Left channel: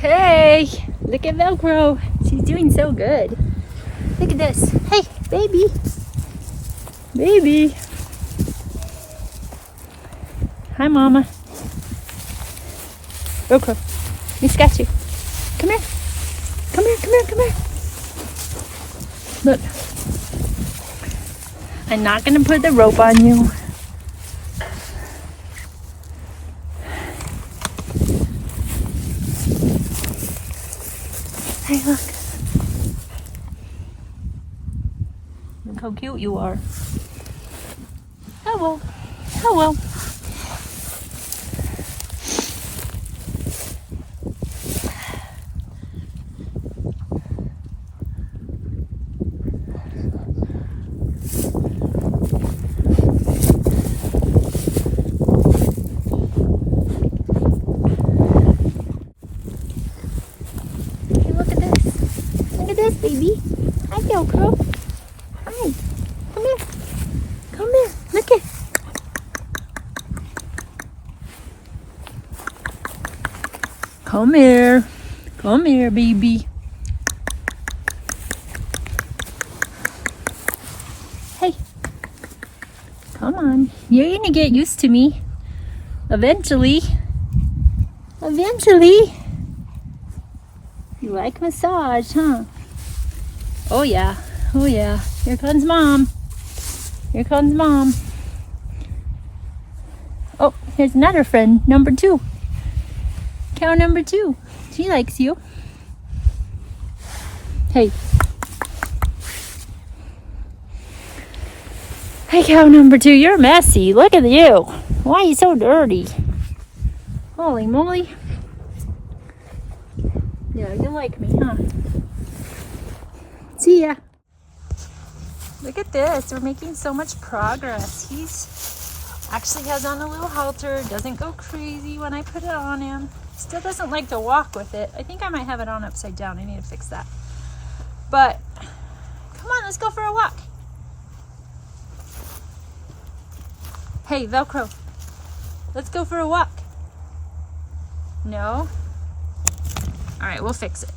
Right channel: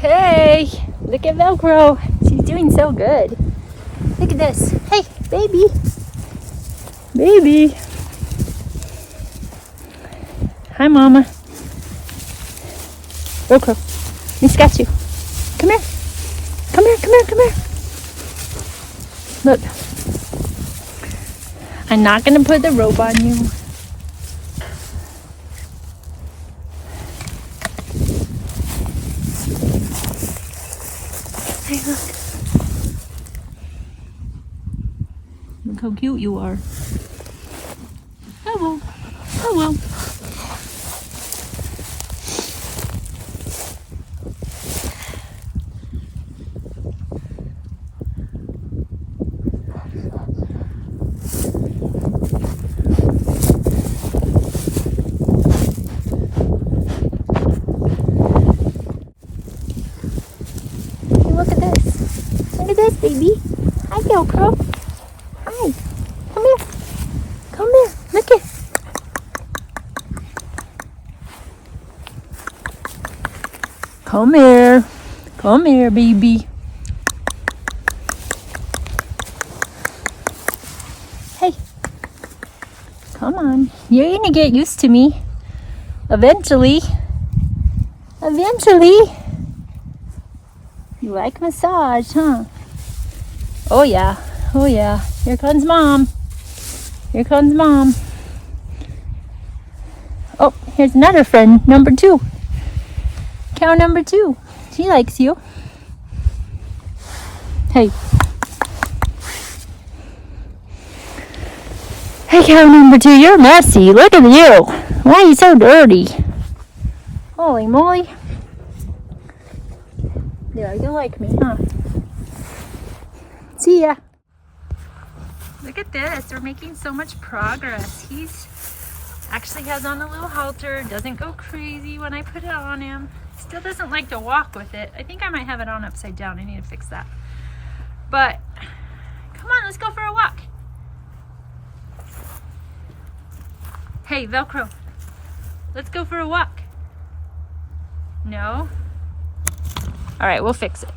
Hey, look at Velcro. She's doing so good. Look at this. Hey, baby. Baby. Hi, Mama. Velcro. Let me scratch you. Come here. Come here, come here, come here. Look. I'm not going to put the rope on you. Hey, look. Look how cute you are. Oh well. Oh well. Look at this. Look at this, baby. Hi, Velcro. Hi. Come here. Come here. Look it. Come here. Come here, baby. Hey. Come on. You're gonna get used to me. Eventually. Eventually. You like massage, huh? Oh yeah, oh yeah. Here comes Mom. Here comes Mom. Oh, here's another friend, number 2. Cow number 2. She likes you. Hey. Hey, cow number 2, you're messy. Look at you. Why are you so dirty? Holy moly. Yeah, you like me, huh? See ya. Look at this. We're making so much progress. He's actually has on a little halter. Doesn't go crazy when I put it on him. Still doesn't like to walk with it. I think I might have it on upside down. I need to fix that. But come on, let's go for a walk. Hey, Velcro. Let's go for a walk. No? All right, we'll fix it.